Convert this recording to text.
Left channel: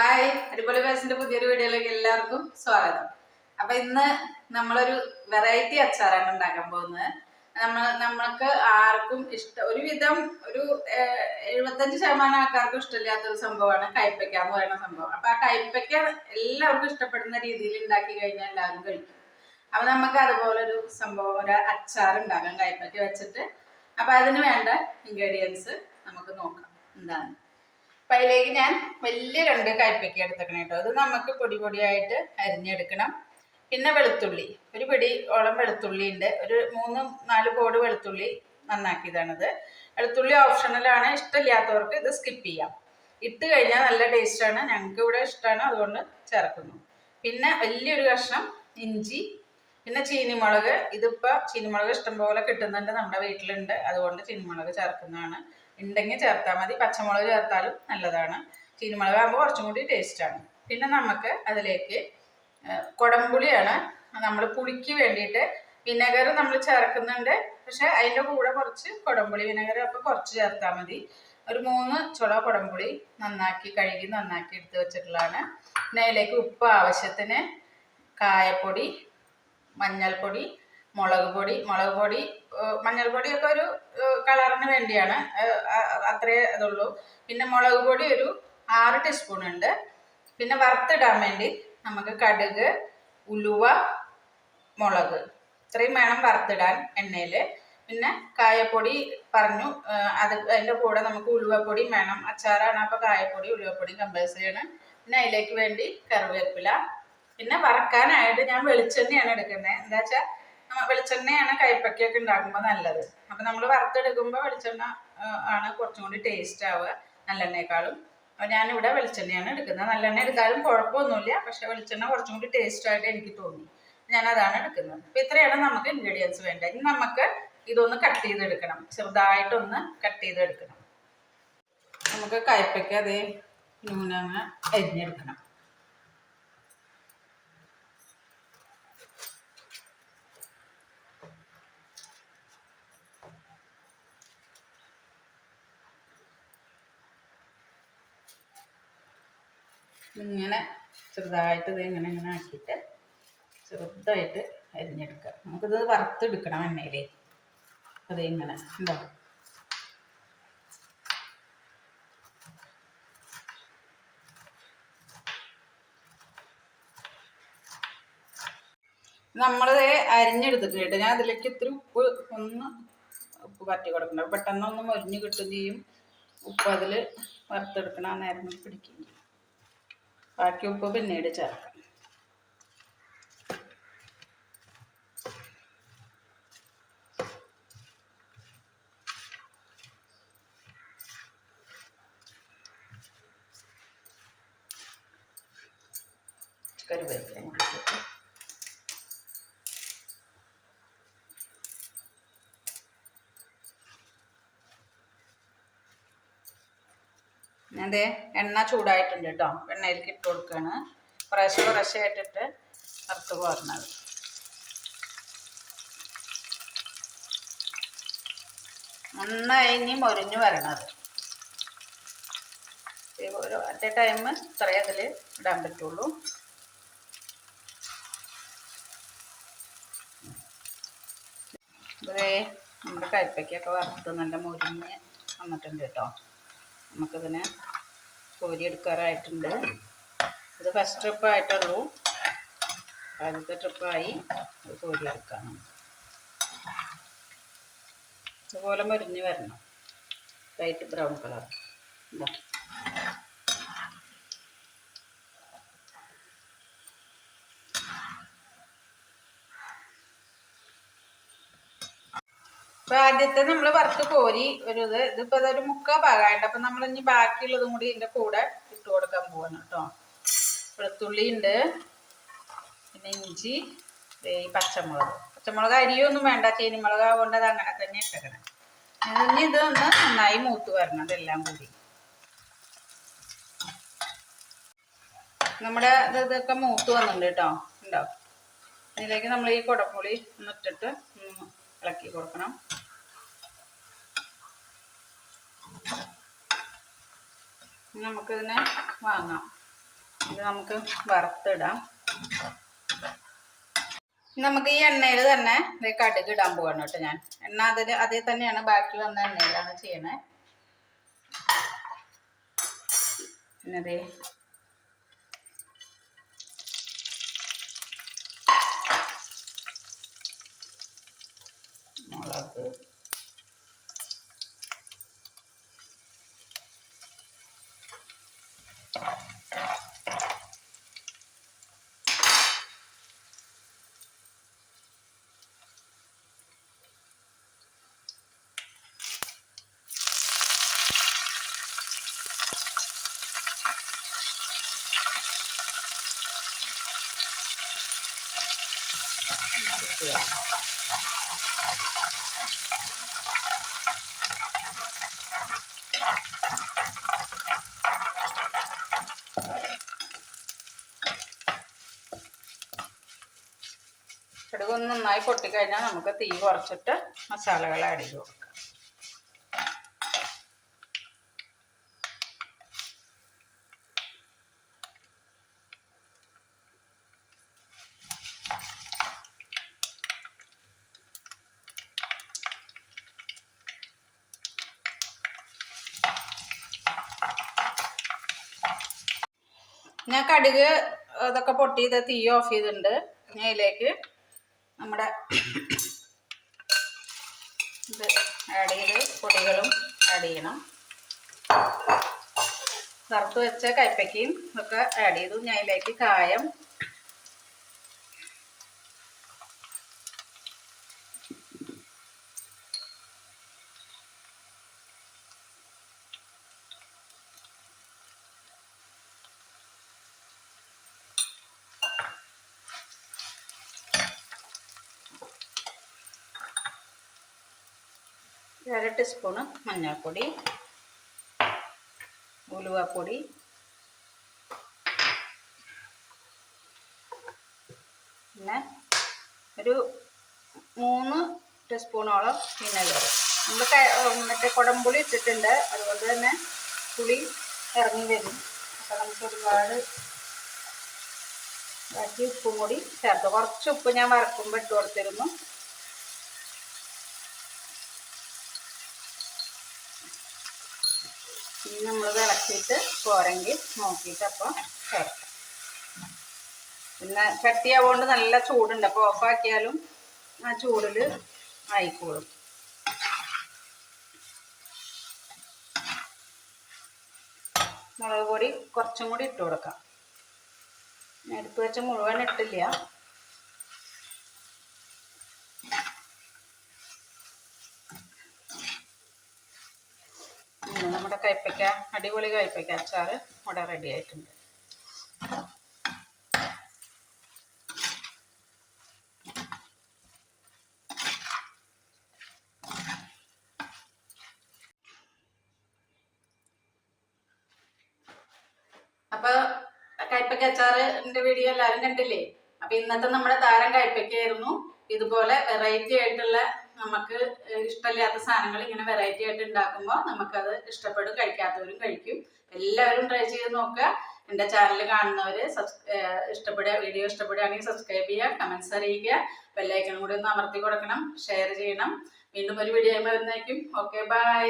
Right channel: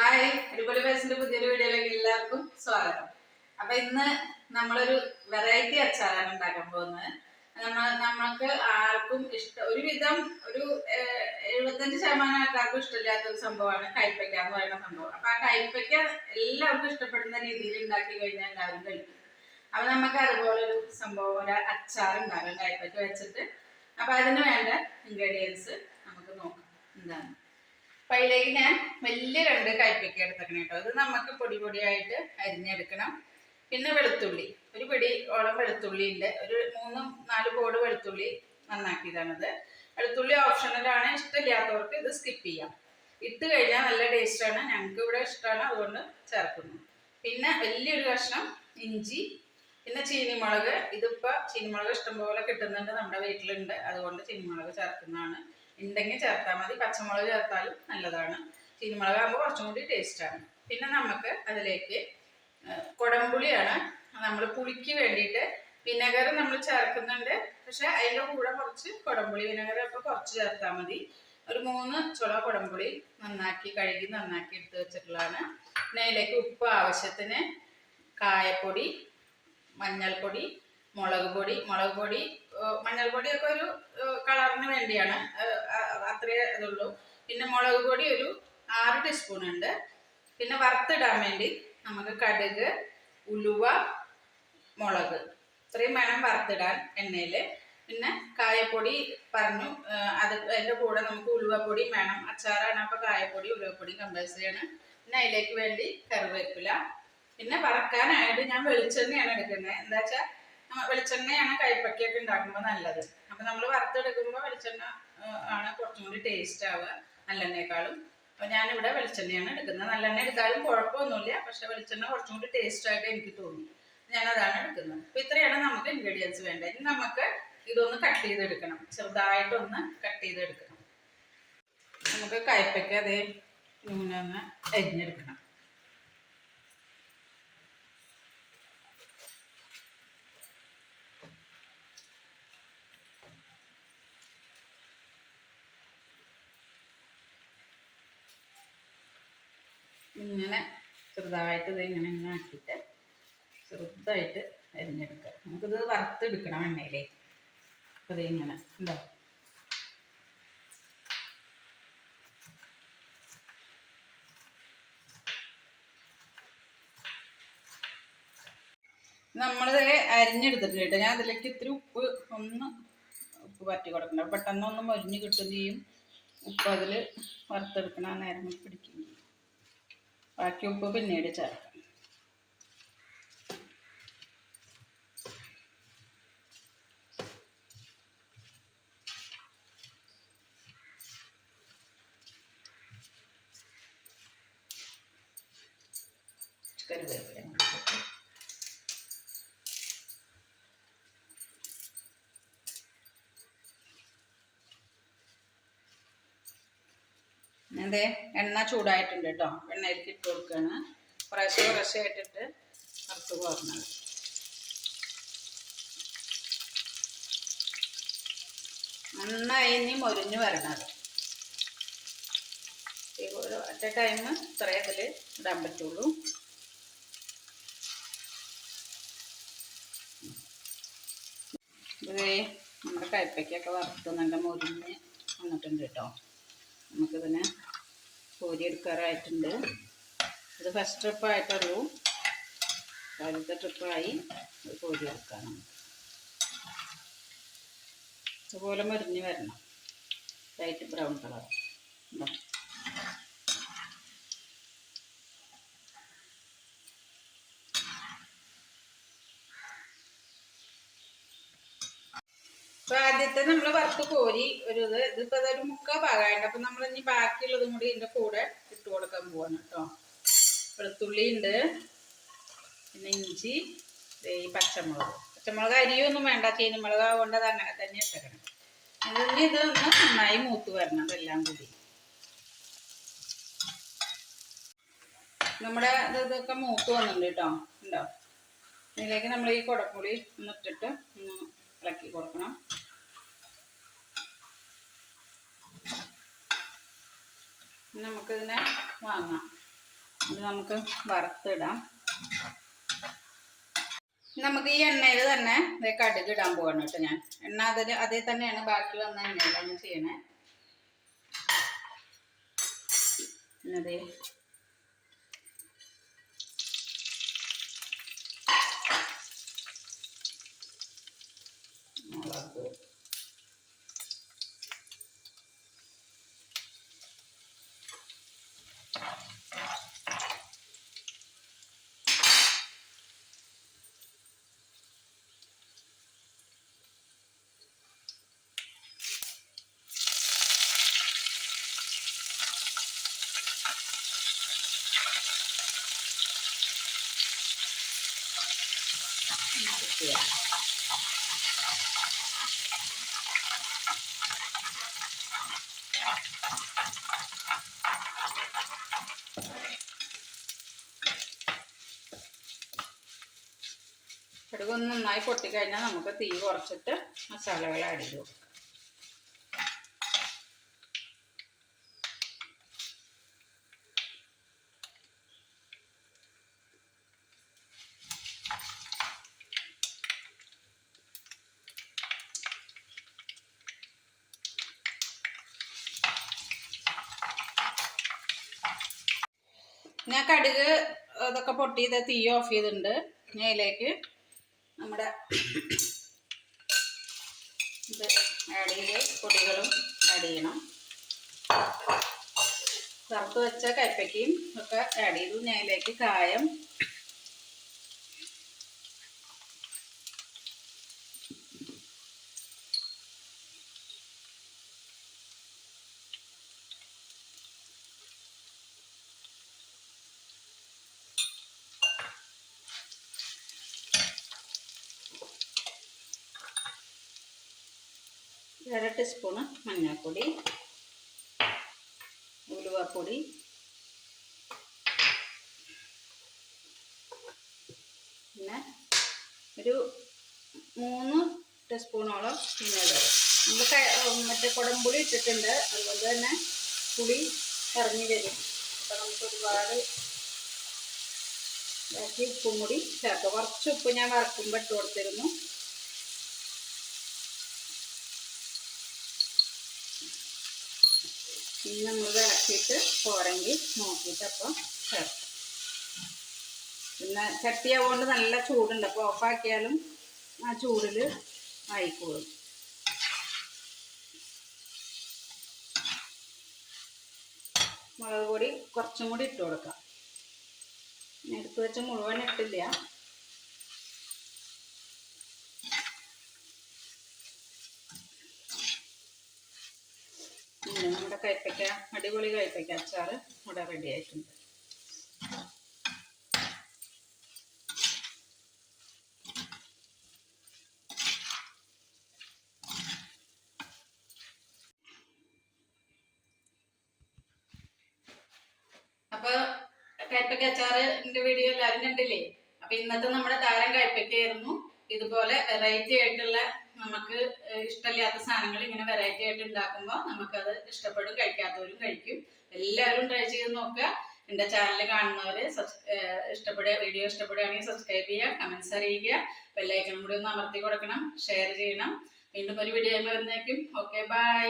Hi അടിപൊളി ഫാഷന്റെ പുതിയൊരു വീഡിയോയിലേക്ക് എല്ലാവർക്കും സ്വാഗതം. അപ്പൊ ഇന്ന് നമ്മളൊരു വെറൈറ്റി അച്ചാറാണ് ഉണ്ടാക്കാൻ പോകുന്നത്. നമ്മൾ നമ്മൾക്ക് ആർക്കും ഇഷ്ടം ഒരുവിധം ഒരു എഴുപത്തഞ്ച് ശതമാനം ആൾക്കാർക്കും ഇഷ്ടമില്ലാത്ത ഒരു സംഭവമാണ് കൈപ്പയ്ക്ക എന്ന് പറയുന്ന സംഭവം. അപ്പൊ ആ കൈപ്പയ്ക്ക എല്ലാവർക്കും ഇഷ്ടപ്പെടുന്ന രീതിയിൽ ഉണ്ടാക്കി കഴിഞ്ഞാൽ എല്ലാവരും കഴിക്കും. അപ്പൊ നമുക്ക് അതുപോലെ ഒരു സംഭവം ഒരു അച്ചാർ ഉണ്ടാക്കാം കൈപ്പയ്ക്ക വെച്ചിട്ട്. അപ്പൊ അതിന് വേണ്ട ഇൻഗ്രീഡിയൻസ് നമുക്ക് നോക്കാം. എന്താണ്? അപ്പൊ ഞാൻ വലിയ രണ്ട് കയ്പയ്ക്ക എടുത്തേക്കണം കേട്ടോ അത് നമുക്ക് പൊടി പൊടിയായിട്ട് അരിഞ്ഞെടുക്കണം. പിന്നെ വെളുത്തുള്ളി. ഒരു പിടി ഓളം വെളുത്തുള്ളി ഉണ്ട്. ഒരു മൂന്ന് നാല് പോട് വെളുത്തുള്ളി നന്നാക്കിയതാണിത്. വെളുത്തുള്ളി ഓപ്ഷണലാണ് ഇഷ്ടമില്ലാത്തവർക്ക് ഇത് സ്കിപ്പ് ചെയ്യാം. ഇട്ട് കഴിഞ്ഞാൽ നല്ല ടേസ്റ്റാണ് ഞങ്ങൾക്ക് ഇവിടെ ഇഷ്ടമാണ്. അതുകൊണ്ട് ചേർക്കുന്നു. പിന്നെ വലിയൊരു കഷ്ണം ഇഞ്ചി. പിന്നെ ചീനിമുളക്. ഇതിപ്പോൾ ചീനിമുളക് ഇഷ്ടംപോലെ കിട്ടുന്നുണ്ട് നമ്മുടെ വീട്ടിലുണ്ട്. അതുകൊണ്ട് ചീനിമുളക് ചേർക്കുന്നതാണ്. ഉണ്ടെങ്കിൽ ചേർത്താൽ മതി. പച്ചമുളക് ചേർത്താലും നല്ലതാണ്. ചീനിമുളക് ആകുമ്പോൾ കുറച്ചും കൂടി ടേസ്റ്റാണ് പിന്നെ നമുക്ക് അതിലേക്ക് കുടംപുളിയാണ് നമ്മൾ പുളിക്ക് വേണ്ടിയിട്ട് വിനെഗർ നമ്മൾ ചേർക്കുന്നുണ്ട്. പക്ഷെ അതിന്റെ കൂടെ കുറച്ച് കുടംപുളി വിനെഗർ അപ്പോൾ കുറച്ച് ചേർത്താൽ മതി. ഒരു മൂന്ന് ചുള കുടംപുളി നന്നാക്കി കഴുകി നന്നാക്കി എടുത്ത് വെച്ചിട്ടുള്ളതാണ്. പിന്നെ അതിലേക്ക് ഉപ്പ് ആവശ്യത്തിന് കായപ്പൊടി മഞ്ഞൾപ്പൊടി മുളക് പൊടി മുളക് പൊടി മഞ്ഞൾപ്പൊടിയൊക്കെ ഒരു കളറിന് വേണ്ടിയാണ്. അത്രേ ഇതുള്ളൂ. പിന്നെ മുളക് പൊടി ഒരു ആറ് ടീസ്പൂൺ ഉണ്ട്. പിന്നെ വറുത്തിടാൻ വേണ്ടി നമുക്ക് കടുക് ഉലുവ മുളക്. ഇത്രയും വേണം വറുത്തിടാൻ എണ്ണയിൽ പിന്നെ കായപ്പൊടി പറഞ്ഞു. അത് അതിന്റെ കൂടെ നമുക്ക് ഉലുവപ്പൊടിയും വേണം. അച്ചാറാണ് അപ്പോൾ കായപ്പൊടി ഉലുവപ്പൊടിയും കമ്പൽസറി ആണ്. പിന്നെ അതിലേക്ക് വേണ്ടി കറിവേപ്പില. പിന്നെ വറക്കാനായിട്ട് ഞാൻ വെളിച്ചെണ്ണയാണ് എടുക്കുന്നത്. എന്താ വെച്ചാൽ വെളിച്ചെണ്ണയാണ് കൈപ്പക്കയൊക്കെ ഉണ്ടാക്കുമ്പോൾ നല്ലത്. അപ്പം നമ്മൾ വറുത്തെടുക്കുമ്പോൾ വെളിച്ചെണ്ണ ആണ് കുറച്ചും കൂടി ടേസ്റ്റ് ആവുക നല്ലെണ്ണയെക്കാളും അപ്പൊ ഞാനിവിടെ വെളിച്ചെണ്ണയാണ് എടുക്കുന്നത്. നല്ലെണ്ണ എടുത്താലും കുഴപ്പമൊന്നുമില്ല പക്ഷെ വെളിച്ചെണ്ണ കുറച്ചും കൂടി ടേസ്റ്റ് ആയിട്ട് എനിക്ക് തോന്നി. അതാണ് എടുക്കുന്നത്. അപ്പൊ ഇത്രയാണ് നമുക്ക് ഇൻഗ്രീഡിയൻസ് വേണ്ടത്. ഇനി നമുക്ക് ഇതൊന്ന് കട്ട് ചെയ്തെടുക്കണം. ചെറുതായിട്ടൊന്ന് കട്ട് ചെയ്തെടുക്കണം. നമുക്ക് കയ്പ്പയ്ക്ക് അതേ നൂനങ്ങ് അരിഞ്ഞെടുക്കണം. ഇങ്ങനെ ചെറുതായിട്ട് ഇത് ഇങ്ങനെ ഇങ്ങനെ ആക്കിയിട്ട് ചെറുതായിട്ട് അരിഞ്ഞെടുക്കുക. നമുക്കിത് വറുത്തെടുക്കണം എണ്ണയിലേ. അപ്പോൾ ഇത് ഇങ്ങനെ ഉണ്ടോ? നമ്മളിത് അരിഞ്ഞെടുത്തിട്ട് കേട്ടോ ഞാൻ അതിലേക്ക് ഇത്തിരി ഉപ്പ് ഒന്ന് ഉപ്പ് പറ്റി കൊടുക്കണം പെട്ടെന്ന് ഒന്ന് മൊരിഞ്ഞ് കിട്ടുകയും ചെയ്യും. ഉപ്പ് അതിൽ വറുത്തെടുക്കണ പിടിക്കുന്നത് ബാക്കി ഉപ്പ് പിന്നീട് ചേർക്കാം. കറിവേപ്പില കൂടി ഇട്ടിട്ട് അതെ എണ്ണ ചൂടായിട്ടുണ്ട് കേട്ടോ എണ്ണയിലേക്ക് ഇട്ട് കൊടുക്കുകയാണ് കുറേശ്ശെ കുറേശ്ശെ ആയിട്ടിട്ട് വറുത്ത് പോരണത്. നന്നായി ഇനി മൊരിഞ്ഞു വരണത്. അറ്റ് എ ടൈം ഇത്രയും അതിൽ ഇടാൻ പറ്റുള്ളൂ. ഇതേ നമ്മുടെ കയ്പ്പയ്ക്കൊക്കെ വറുത്ത് നല്ല മൊരിഞ്ഞ് വന്നിട്ടുണ്ട് കേട്ടോ നമുക്കിതിനെ കോരി എടുക്കാറായിട്ടുണ്ട്. ഇത് ഫസ്റ്റ് ട്രിപ്പായിട്ടുള്ളൂ ആദ്യത്തെ ട്രിപ്പായി അത് കോരി എടുക്കണം ഇതുപോലെ മുരിഞ്ഞ് വരണം. ലൈറ്റ് ബ്രൗൺ കളർ ഇതാ. ആദ്യത്തെ നമ്മൾ വറുത്ത് കോരി ഒരു ഇത് ഇതിപ്പോ അതൊരു മുക്കാ ഭാഗമായിട്ട് അപ്പൊ നമ്മൾ ഇനി ബാക്കിയുള്ളതും കൂടി ഇതിന്റെ കൂടെ ഇട്ട് കൊടുക്കാൻ പോവാണ് കേട്ടോ വെളുത്തുള്ളി ഉണ്ട് പിന്നെ ഇഞ്ചി ഈ പച്ചമുളക്. പച്ചമുളക് അരിയൊന്നും വേണ്ട ചീനിമുളക് ആവുകൊണ്ട് അത് അങ്ങനെ തന്നെ ഇട്ടേക്കണം. ഇനി ഇതൊന്ന് നന്നായി മൂത്ത് വരണം അതെല്ലാം കൂടി. നമ്മുടെ ഇത് ഇതൊക്കെ മൂത്ത് വന്നിട്ടുണ്ട് കേട്ടോ ഉണ്ടോ ഇതിലേക്ക് നമ്മൾ ഈ കുടപ്പുളി ഒന്ന് ഇട്ടിട്ട് ഒന്ന് ഇളക്കി കൊടുക്കണം. നമുക്കിതിനെ വാങ്ങാം. ഇത് നമുക്ക് വറുത്തിടാം. നമുക്ക് ഈ എണ്ണയിൽ തന്നെ കടുക് ഇടാൻ പോവാണ് കേട്ടോ ഞാൻ. എണ്ണ അതിൽ അതിൽ തന്നെയാണ് ബാക്കി വന്ന എണ്ണയിലാണ് ചെയ്യണേ ദേ മുളക് ചെയ്യാം നന്നായി പൊട്ടിക്കഴിഞ്ഞാൽ നമുക്ക് തീ കുറച്ചിട്ട് മസാലകൾ ആഡ് ചെയ്ത് കൊടുക്കാം. ഞാൻ കടുക് ഇതൊക്കെ പൊട്ടി ഇത് തീ ഓഫ് ചെയ്തിട്ടുണ്ട്. ഞാൻ നമ്മുടെ ഇത് ആഡ് ചെയ്ത് പൊടികളും ആഡ് ചെയ്യണം. വറുത്ത് വെച്ച കയ്പ്പയ്ക്കയും ഒക്കെ ആഡ് ചെയ്തു. ഞാൻ കായം ടീസ്പൂണ് മഞ്ഞൾപ്പൊടി ഉലുവപ്പൊടി പിന്നെ ഒരു മൂന്ന് ടീസ്പൂണോളം മിനറൽ. നമ്മൾ മറ്റേ കുടംപുളി ഇട്ടിട്ടുണ്ട്. അതുകൊണ്ട് തന്നെ പുളി ഇറങ്ങി വരും. അപ്പം നമുക്ക് ഒരുപാട് ബാക്കി ഉപ്പും കൂടി ചേർത്ത്. കുറച്ച് ഉപ്പ് ഞാൻ വറക്കുമ്പോൾ ഇട്ട് കൊടുത്തിരുന്നു. ഇനി നമ്മൾ വിളക്കിയിട്ട് പോരെങ്കിൽ നോക്കിയിട്ട് അപ്പം ചേർക്കാം. പിന്നെ കട്ടിയാവുകൊണ്ട് നല്ല ചൂടുണ്ട്. അപ്പോൾ ഓഫാക്കിയാലും ആ ചൂടിൽ ആയിക്കോളും. മുളക് പൊടി കുറച്ചും കൂടി ഇട്ട് കൊടുക്കാം. എടുത്ത് വെച്ച മുഴുവൻ ഇട്ടില്ല പിന്നെ നമ്മുടെ കയ്പ്പയ്ക്ക അടിപൊളി കയ്പ്പയ്ക്ക അച്ചാർ ഇവിടെ റെഡി ആയിട്ടുണ്ട്. അപ്പൊ കയ്പ്പയ്ക്ക അച്ചാറിന്റെ വീഡിയോ എല്ലാവരും കണ്ടില്ലേ? അപ്പൊ ഇന്നത്തെ നമ്മുടെ താരം കയ്പ്പയ്ക്കായിരുന്നു ഇതുപോലെ വെറൈറ്റി ആയിട്ടുള്ള നമുക്ക് ഇഷ്ടമില്ലാത്ത സാധനങ്ങൾ ഇങ്ങനെ വെറൈറ്റി ആയിട്ട് ഉണ്ടാക്കുമ്പോൾ നമുക്കത് ഇഷ്ടപ്പെടും കഴിക്കാത്തവരും കഴിക്കും. എല്ലാവരും ട്രൈ ചെയ്ത് നോക്കുക. എന്റെ ചാനൽ കാണുന്നവർ ഇഷ്ടപ്പെടുക വീഡിയോ ഇഷ്ടപ്പെടുകയാണെങ്കിൽ സബ്സ്ക്രൈബ് ചെയ്യുക കമൻസ് അറിയിക്കുക. ബെല്ലൈക്കൺ കൂടി ഒന്ന് അമർത്തി കൊടുക്കണം ഷെയർ ചെയ്യണം. വീണ്ടും ഒരു വീഡിയോ വരുന്നതായിരിക്കും. Okay bye